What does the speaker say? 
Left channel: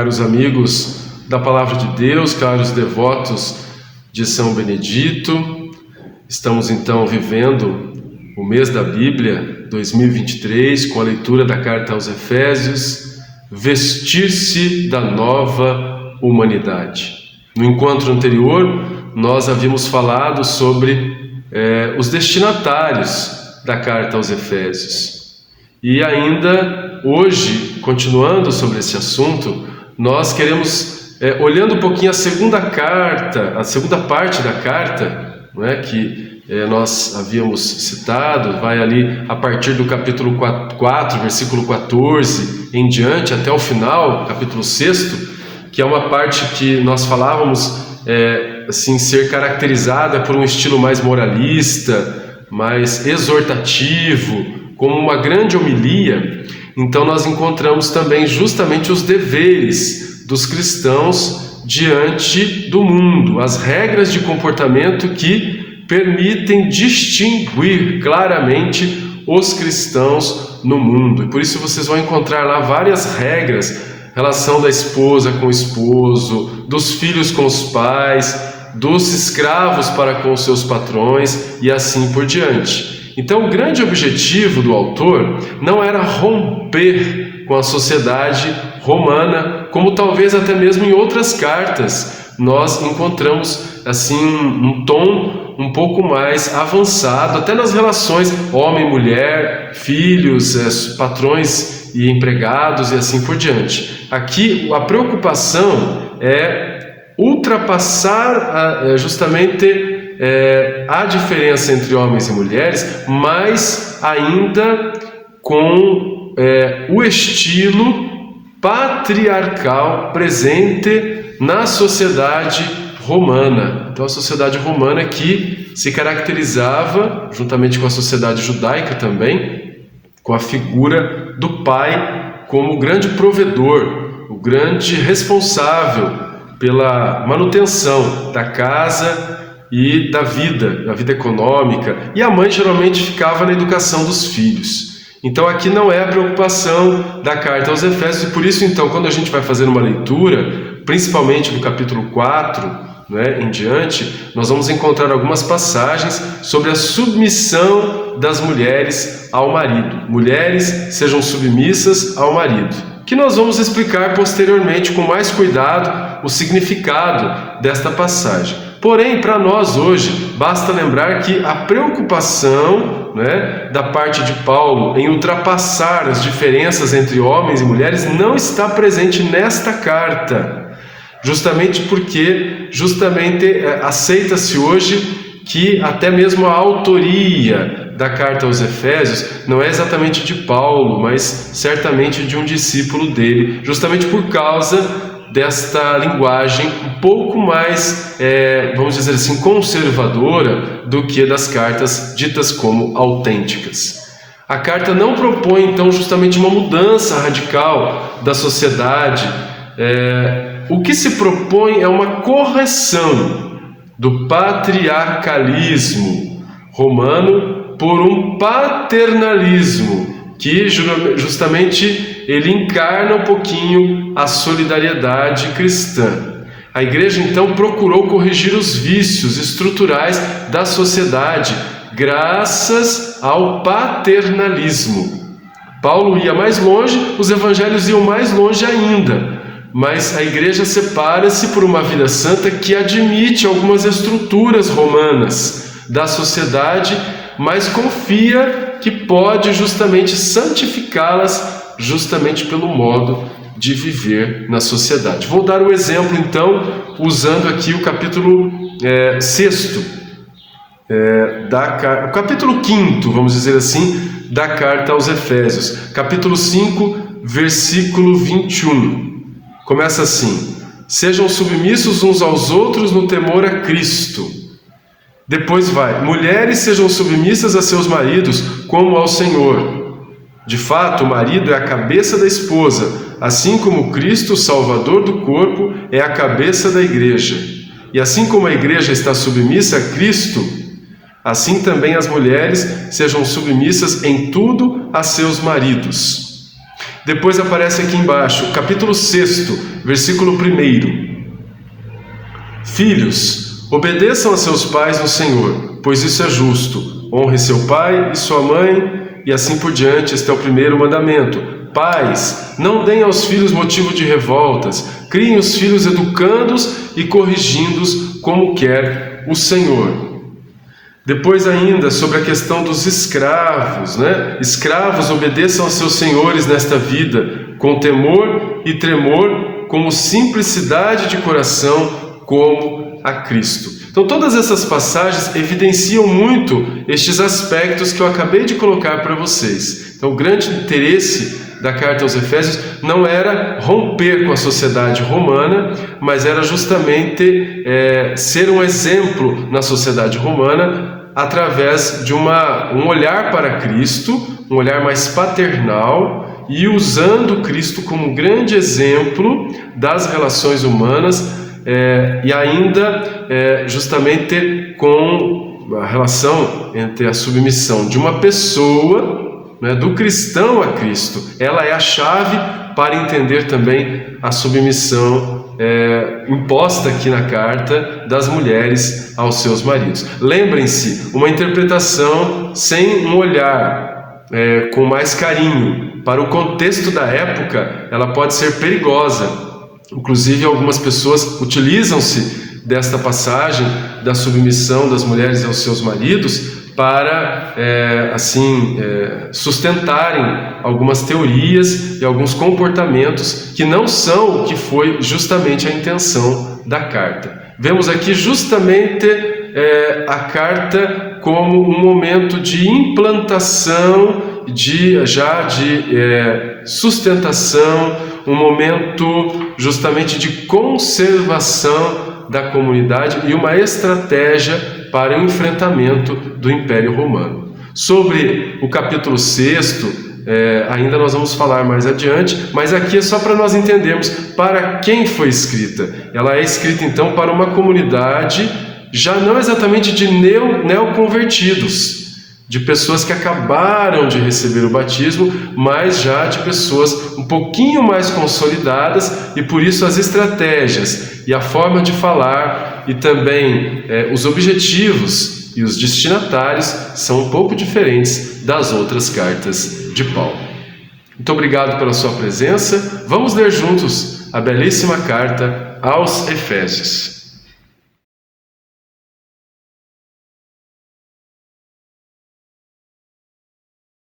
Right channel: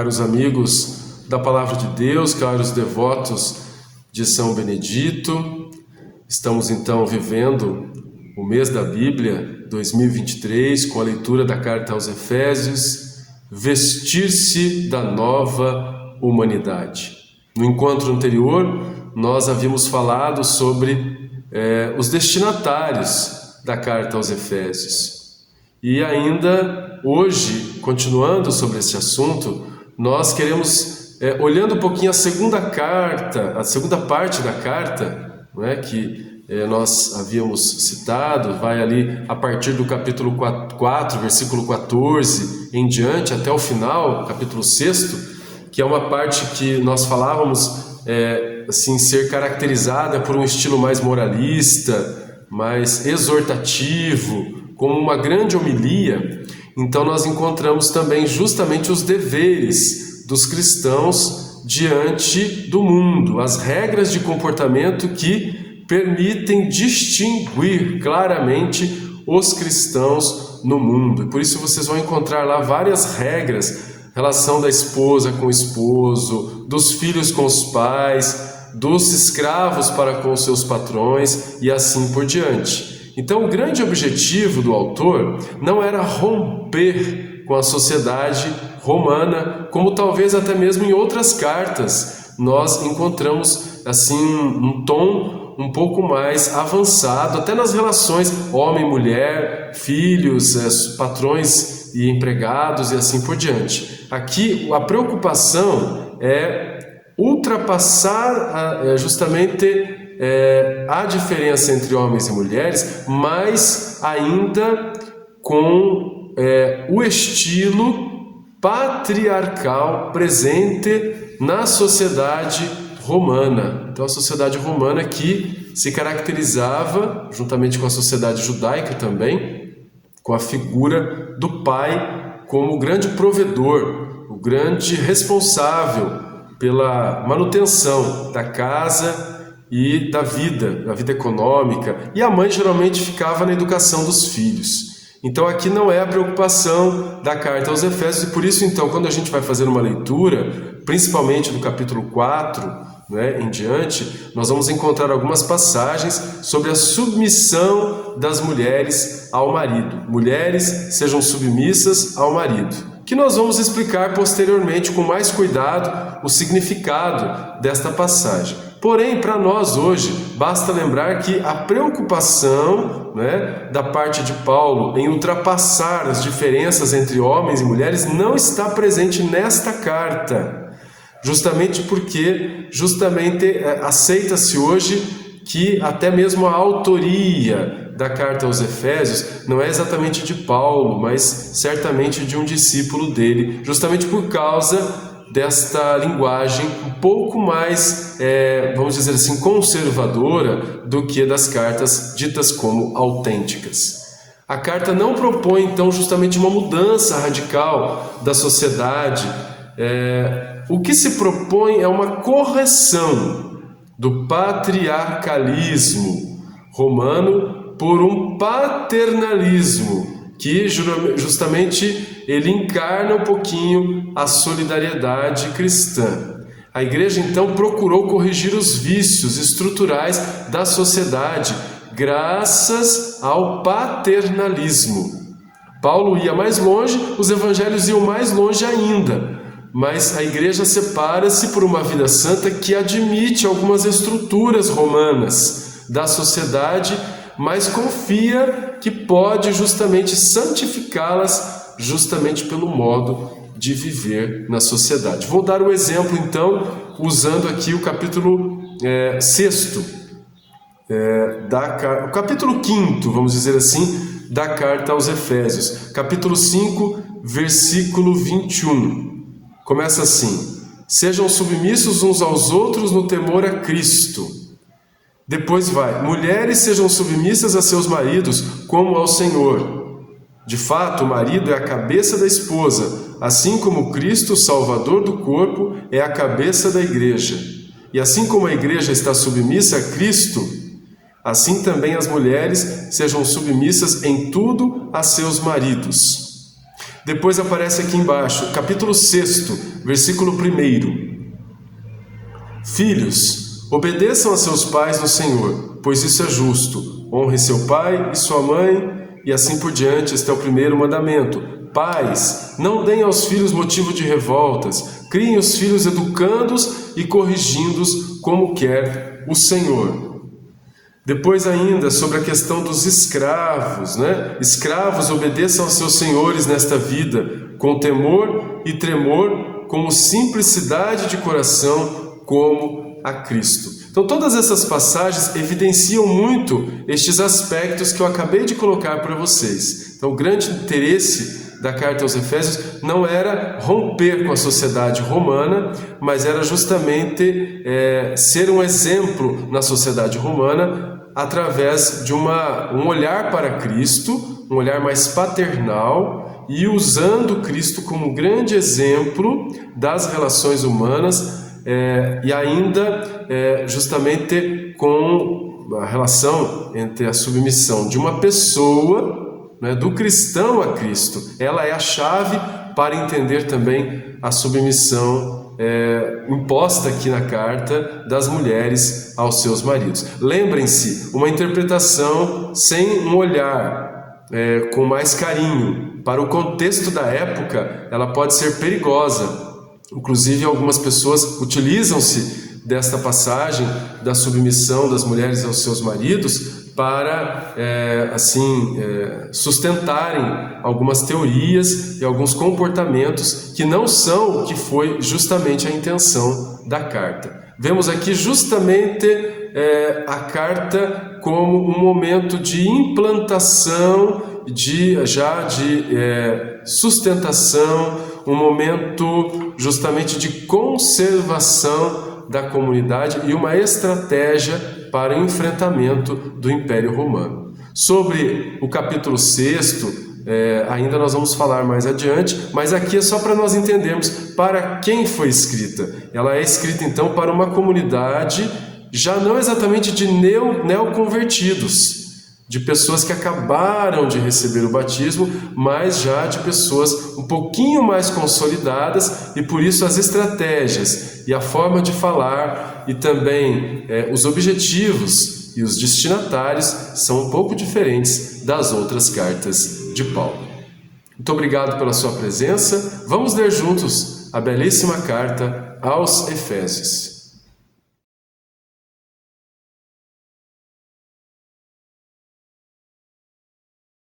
caros amigos da Palavra de Deus, caros devotos de São Benedito. Estamos então vivendo o mês da Bíblia 2023 com a leitura da carta aos Efésios, vestir-se da nova humanidade. No encontro anterior, nós havíamos falado sobre os destinatários da carta aos Efésios. E ainda hoje, continuando sobre esse assunto, nós queremos, olhando um pouquinho a segunda parte da carta, não é, que nós havíamos citado, vai ali a partir do capítulo 4, versículo 14 em diante, até o final, capítulo 6, que é uma parte que nós falávamos assim, ser caracterizada por um estilo mais moralista, mais exortativo, como uma grande homilia. Então nós encontramos também justamente os deveres dos cristãos diante do mundo, as regras de comportamento que permitem distinguir claramente os cristãos no mundo. E por isso vocês vão encontrar lá várias regras, relação da esposa com o esposo, dos filhos com os pais, dos escravos para com os seus patrões e assim por diante. Então, o grande objetivo do autor não era romper com a sociedade romana, como talvez até mesmo em outras cartas nós encontramos assim um tom um pouco mais avançado, até nas relações homem-mulher, filhos, patrões e empregados e assim por diante. Aqui a preocupação é ultrapassar justamente a diferença entre homens e mulheres, mas ainda com o estilo patriarcal presente na sociedade romana. Então a sociedade romana que se caracterizava, juntamente com a sociedade judaica também, com a figura do pai como o grande provedor, o grande responsável pela manutenção da casa e da vida econômica, e a mãe geralmente ficava na educação dos filhos. Então aqui não é a preocupação da carta aos Efésios, e por isso então quando a gente vai fazer uma leitura, principalmente do capítulo 4, em diante, nós vamos encontrar algumas passagens sobre a submissão das mulheres ao marido. Mulheres sejam submissas ao marido, que nós vamos explicar posteriormente com mais cuidado o significado desta passagem. Porém, para nós hoje, basta lembrar que a preocupação da parte de Paulo em ultrapassar as diferenças entre homens e mulheres não está presente nesta carta, justamente porque aceita-se hoje que até mesmo a autoria da carta aos Efésios não é exatamente de Paulo, mas certamente de um discípulo dele, justamente por causa desta linguagem um pouco mais, vamos dizer assim, conservadora do que das cartas ditas como autênticas. A carta não propõe, então, justamente uma mudança radical da sociedade. O que se propõe é uma correção do patriarcalismo romano por um paternalismo que justamente ele encarna um pouquinho a solidariedade cristã. A igreja então procurou corrigir os vícios estruturais da sociedade graças ao paternalismo. Paulo ia mais longe, os evangelhos iam mais longe ainda, mas a igreja separa-se por uma vida santa que admite algumas estruturas romanas da sociedade, mas confia que pode justamente santificá-las justamente pelo modo de viver na sociedade. Vou dar um exemplo então, usando aqui o capítulo 6, o capítulo 5, vamos dizer assim, da carta aos Efésios, capítulo 5, versículo 21. Começa assim: sejam submissos uns aos outros no temor a Cristo. Depois vai: mulheres sejam submissas a seus maridos como ao Senhor. De fato, o marido é a cabeça da esposa, assim como Cristo, o Salvador do corpo, é a cabeça da igreja. E assim como a igreja está submissa a Cristo, assim também as mulheres sejam submissas em tudo a seus maridos. Depois aparece aqui embaixo, capítulo 6, versículo 1. Filhos, obedeçam a seus pais no Senhor, pois isso é justo. Honre seu pai e sua mãe, e assim por diante. Este é o primeiro mandamento. Pais, não deem aos filhos motivo de revoltas. Criem os filhos educando-os e corrigindo-os como quer o Senhor. Depois ainda sobre a questão dos escravos, né? Escravos, obedeçam aos seus senhores nesta vida, com temor e tremor, como simplicidade de coração, como a Cristo. Então todas essas passagens evidenciam muito estes aspectos que eu acabei de colocar para vocês. Então o grande interesse da carta aos Efésios não era romper com a sociedade romana, mas era justamente ser um exemplo na sociedade romana através de um olhar para Cristo, um olhar mais paternal, e usando Cristo como grande exemplo das relações humanas, e ainda justamente com a relação entre a submissão de uma pessoa, né, do cristão a Cristo. Ela é a chave para entender também a submissão imposta aqui na carta das mulheres aos seus maridos. Lembrem-se, uma interpretação sem um olhar com mais carinho para o contexto da época, ela pode ser perigosa. Inclusive, algumas pessoas utilizam-se desta passagem da submissão das mulheres aos seus maridos para, sustentarem algumas teorias e alguns comportamentos que não são o que foi justamente a intenção da carta. Vemos aqui justamente a carta como um momento de implantação, de sustentação, um momento justamente de conservação da comunidade e uma estratégia para o enfrentamento do Império Romano. Sobre o capítulo 6, ainda nós vamos falar mais adiante, mas aqui é só para nós entendermos para quem foi escrita. Ela é escrita então para uma comunidade já não exatamente de neoconvertidos, de pessoas que acabaram de receber o batismo, mas já de pessoas um pouquinho mais consolidadas, e por isso as estratégias e a forma de falar e também os objetivos e os destinatários são um pouco diferentes das outras cartas de Paulo. Muito obrigado pela sua presença. Vamos ler juntos a belíssima carta aos Efésios.